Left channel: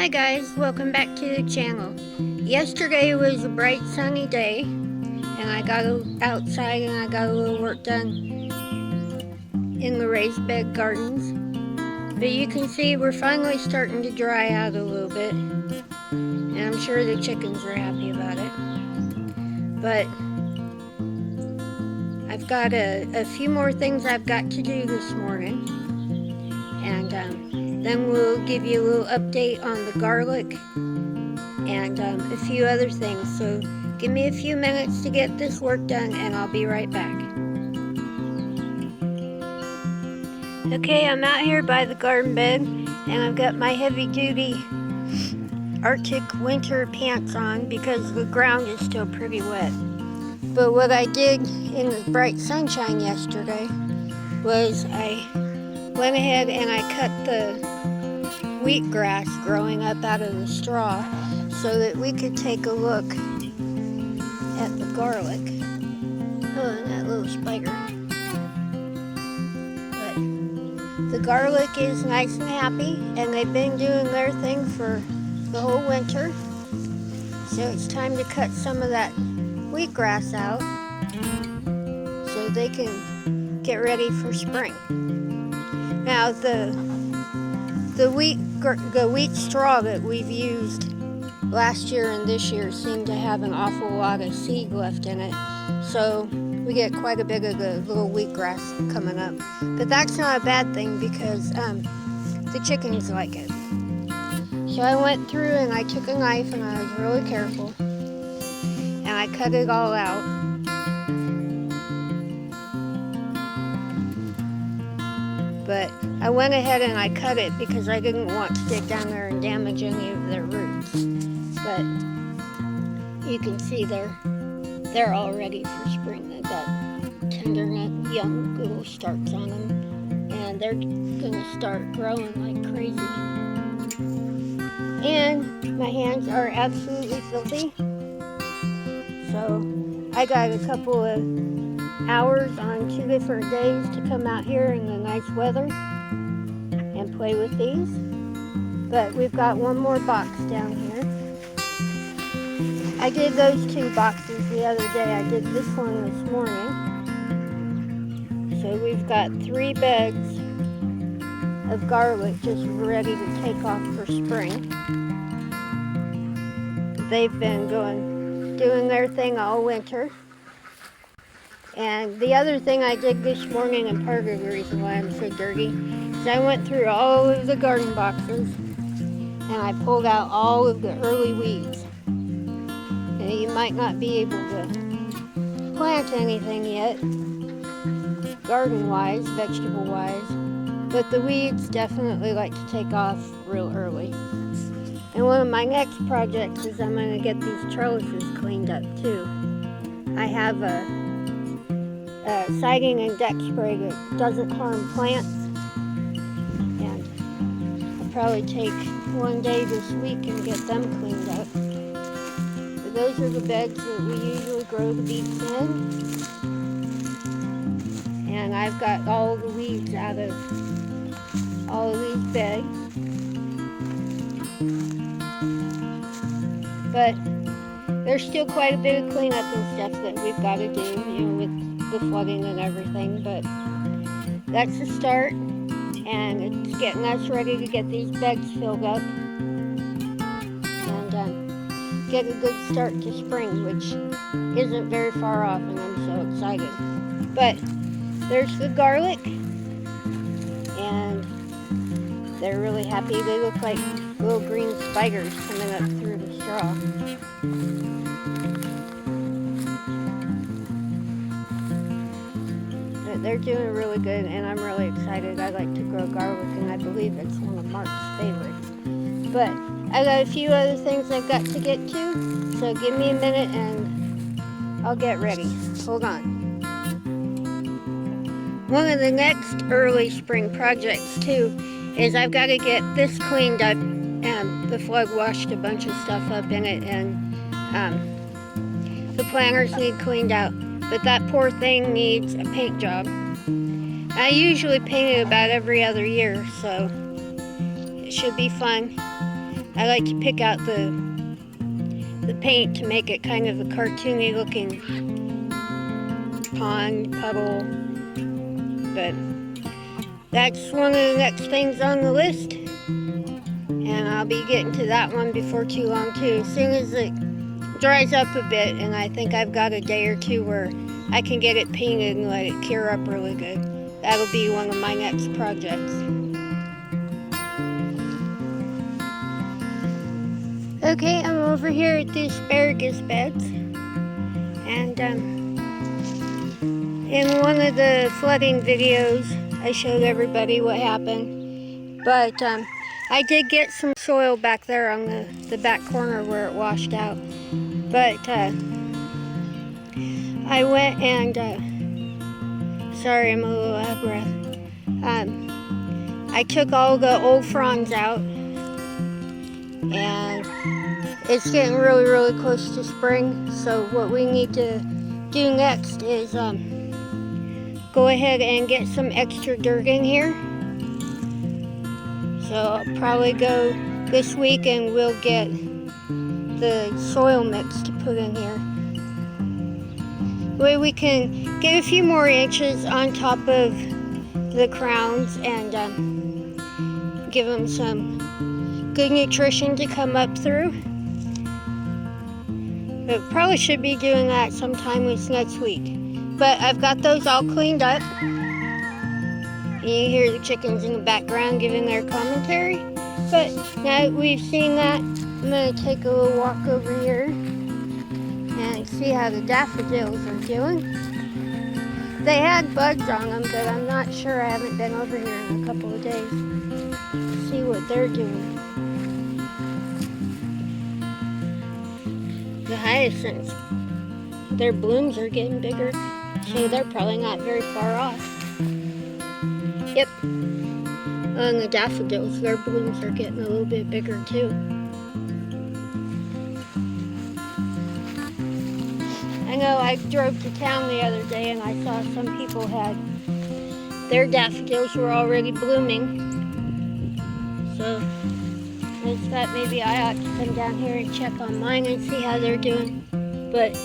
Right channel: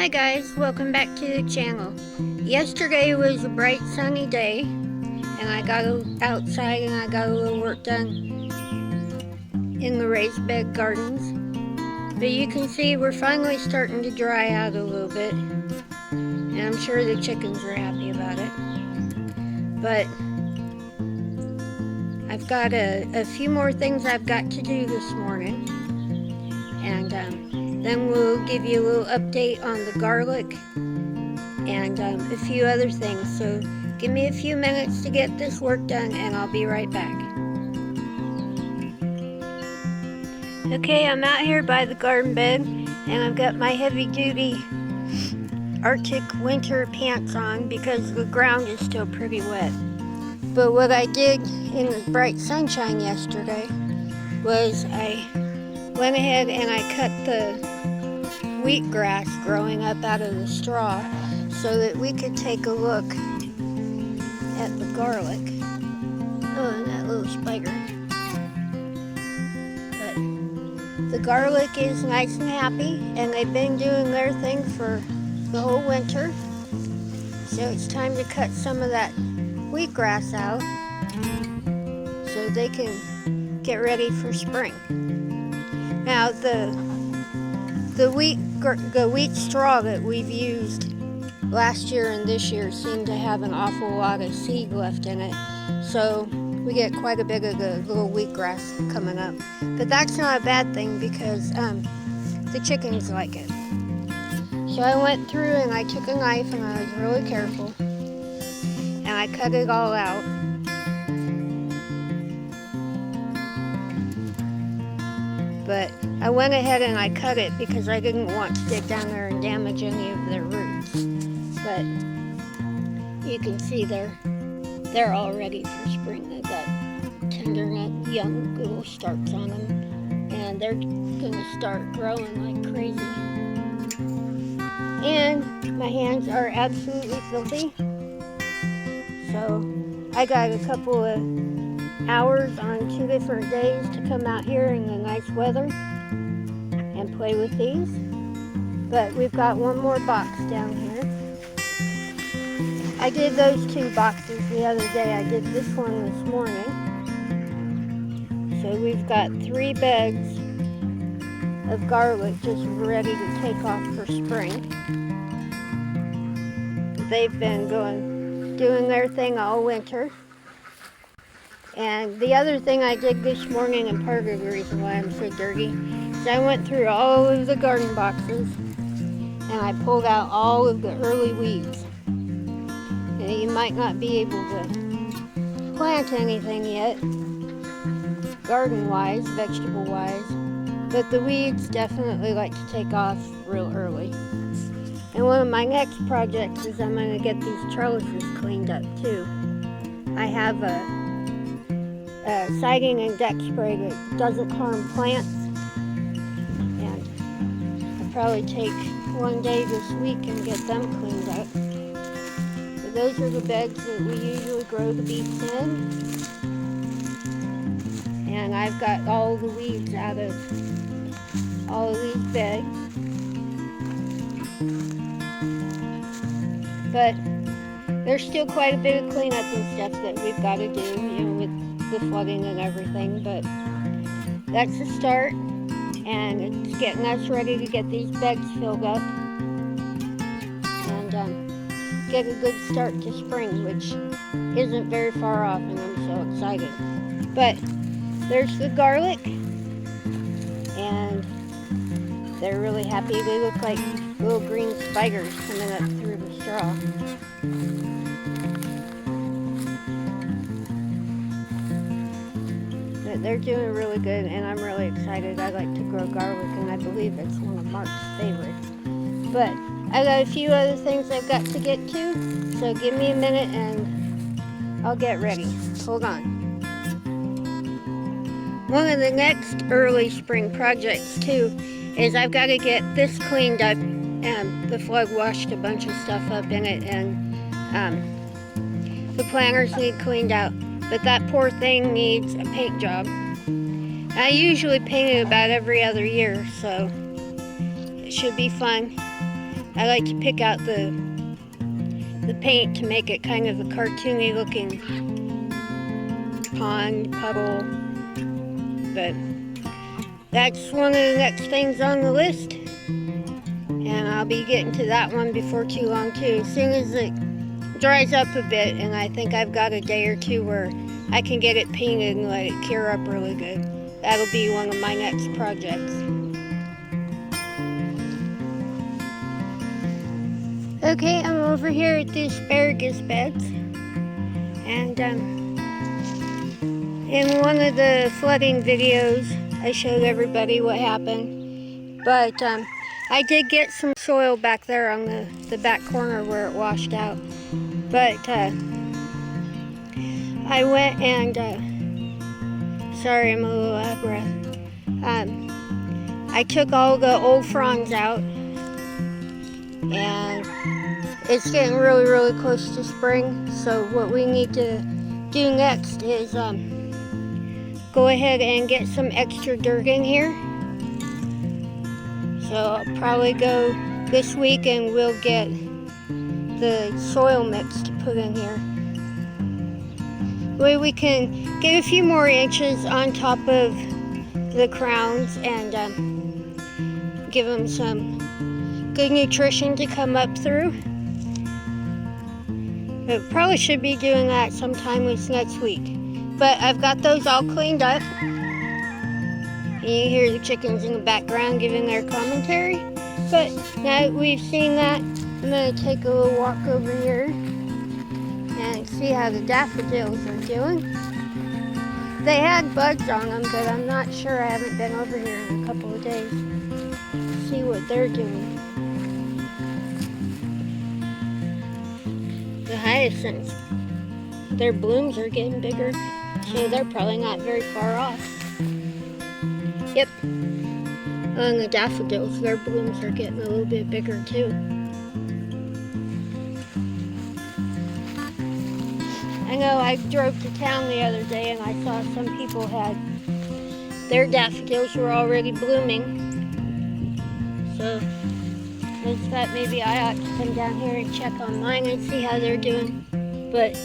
Hi guys, welcome back to the channel. Yesterday was a bright sunny day and I got outside and I got a little work done in the raised bed gardens. But you can see we're finally starting to dry out a little bit, and I'm sure the chickens are happy about it. But I've got a few more things I've got to do this morning, and then we'll give you a little update on the garlic and a few other things. So give me a few minutes to get this work done and I'll be right back. Okay, I'm out here by the garden bed and I've got my heavy duty Arctic winter pants on because the ground is still pretty wet. But what I did in the bright sunshine yesterday was I went ahead and I cut the wheatgrass growing up out of the straw so that we could take a look at the garlic. Oh, and that little spider. But the garlic is nice and happy, and they've been doing their thing for the whole winter. So it's time to cut some of that wheatgrass out so they can get ready for spring. Now the wheat straw that we've used last year and this year seemed to have an awful lot of seed left in it, so we get quite a bit of the little wheatgrass coming up. But that's not a bad thing because the chickens like it. So I went through and I took a knife and I was really careful and I cut it all out. But I went ahead and I cut it because I didn't want to get down there and damage any of their roots. But you can see they're all ready for spring. They've got tender, young little starts on them, and they're gonna start growing like crazy. And my hands are absolutely filthy, so I got a couple of hours on 2 different days to come out here in the nice weather and play with these. But we've got one more box down here. I did those 2 boxes the other day. I did this one this morning. So we've got 3 beds of garlic just ready to take off for spring. They've been doing their thing all winter. And the other thing I did this morning, and part of the reason why I'm so dirty, is I went through all of the garden boxes and I pulled out all of the early weeds. And you might not be able to plant anything yet, garden-wise, vegetable-wise, but the weeds definitely like to take off real early. And one of my next projects is I'm going to get these trellises cleaned up too. I have a siding and deck spray that doesn't harm plants, and I'll probably take one day this week and get them cleaned up. But those are the beds that we usually grow the beets in, and I've got all the weeds out of all of these beds. But there's still quite a bit of cleanup and stuff that we've got to do, with the flooding and everything, but that's the start, and it's getting us ready to get these beds filled up and get a good start to spring, which isn't very far off, and I'm so excited. But there's the garlic, and they're really happy. They look like little green spiders coming up through the straw. But they're doing really good, and I'm really excited. I like to grow garlic, and I believe it's one of Mark's favorites. But I got a few other things I've got to get to, so give me a minute and I'll get ready. Hold on. One of the next early spring projects too is I've got to get this cleaned up. The flood washed a bunch of stuff up in it, and the planters need cleaned out. But that poor thing needs a paint job. I usually paint it about every other year, so it should be fun. I like to pick out the paint to make it kind of a cartoony looking pond, puddle. But that's one of the next things on the list. And I'll be getting to that one before too long too. As soon as it dries up a bit, and I think I've got a day or two where I can get it painted and let it cure up really good. That'll be one of my next projects. Okay, I'm over here at the asparagus beds, and in one of the flooding videos I showed everybody what happened, but I did get some soil back there on the back corner where it washed out, but I went and sorry, I'm a little out of breath. I took all the old fronds out, and it's getting really, really close to spring. So what we need to do next is go ahead and get some extra dirt in here. So I'll probably go this week and we'll get the soil mix to put in here. The way we can get a few more inches on top of the crowns and give them some good nutrition to come up through. But probably should be doing that sometime this next week. But I've got those all cleaned up. You hear the chickens in the background giving their commentary. But now that we've seen that, I'm going to take a little walk over here and see how the daffodils are doing. They had buds on them, but I'm not sure. I haven't been over here in a couple of days to see what they're doing. The hyacinths, their blooms are getting bigger, so they're probably not very far off. Yep. And the daffodils, their blooms are getting a little bit bigger too. I know I drove to town the other day and I saw some people had their daffodils were already blooming. So I just thought maybe I ought to come down here and check on mine and see how they're doing. But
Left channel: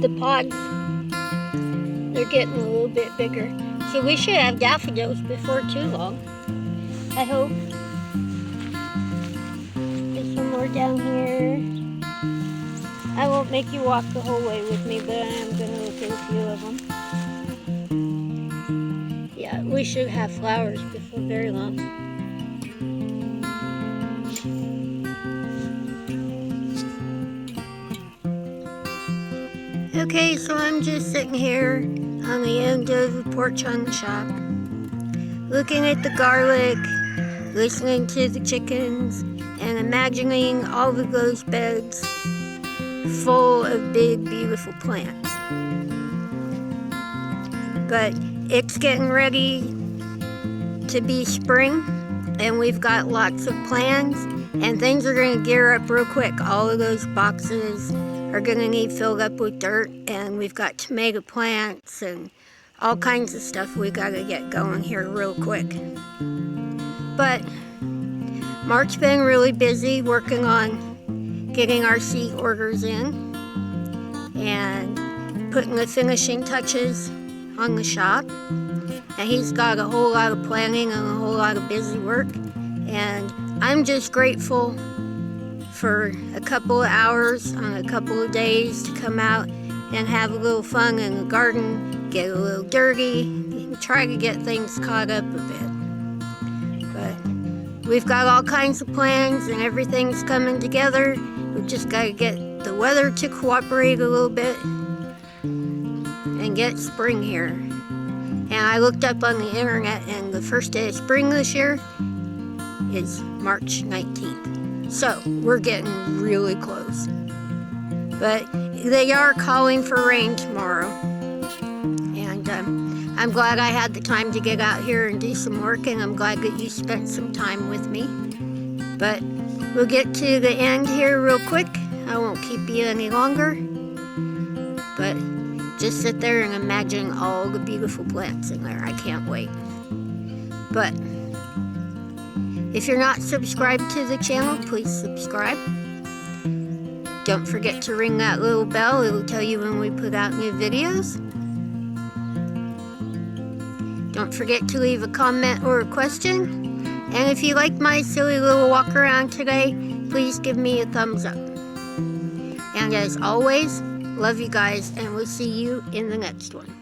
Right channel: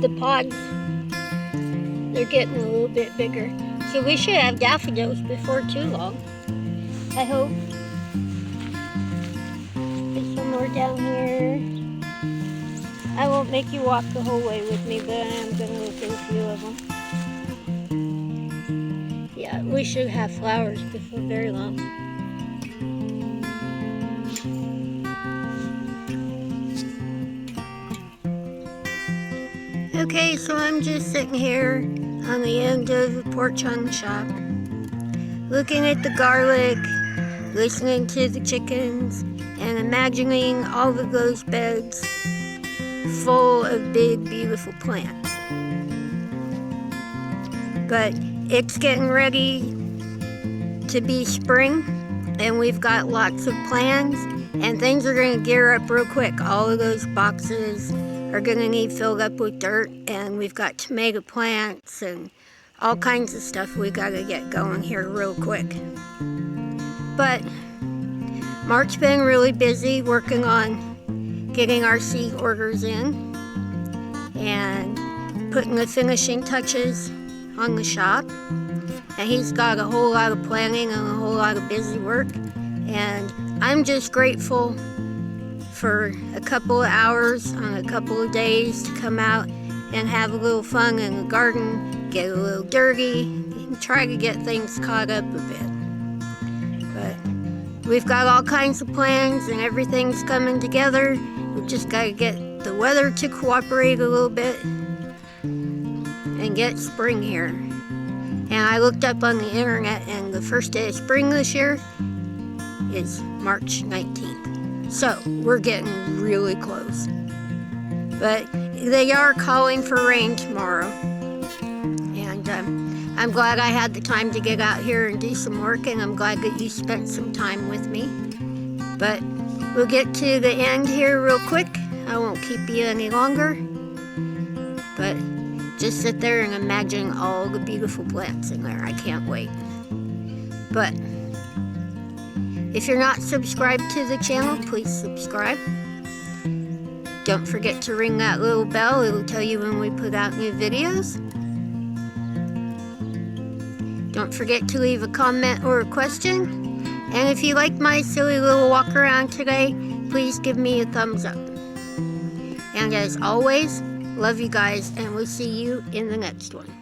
the pods, they're getting a little bit bigger. So we should have daffodils before too long, I hope. There's some more down here. I won't make you walk the whole way with me, but I am going to look at a few of them. Yeah, we should have flowers before very long. Okay, so I'm just sitting here on the end of the porch on the shop, looking at the garlic, listening to the chickens, and imagining all of those beds full of big, beautiful plants. But it's getting ready to be spring, and we've got lots of plans, and things are going to gear up real quick. All of those boxes are going to need filled up with dirt, and we've got tomato plants and all kinds of stuff we got to get going here real quick. But Mark's been really busy working on getting our seed orders in and putting the finishing touches on the shop, and he's got a whole lot of planning and a whole lot of busy work, and I'm just grateful for a couple of hours on a couple of days to come out and have a little fun in the garden, get a little dirty, and try to get things caught up a bit. But we've got all kinds of plans and everything's coming together. We've just got to get the weather to cooperate a little bit and get spring here. And I looked up on the internet, and the first day of spring this year is March 19th. So we're getting really close. But they are calling for rain tomorrow. And I'm glad I had the time to get out here and do some work, and I'm glad that you spent some time with me. But we'll get to the end here real quick. I won't keep you any longer. But just sit there and imagine all the beautiful plants in there. I can't wait. But If you're not subscribed to the channel, please subscribe. Don't forget to ring that little bell. It'll tell you when we put out new videos. Don't forget to leave a comment or a question. And if you like my silly little walk around today, please give me a thumbs up. And as always, love you guys, and we'll see you in the next one.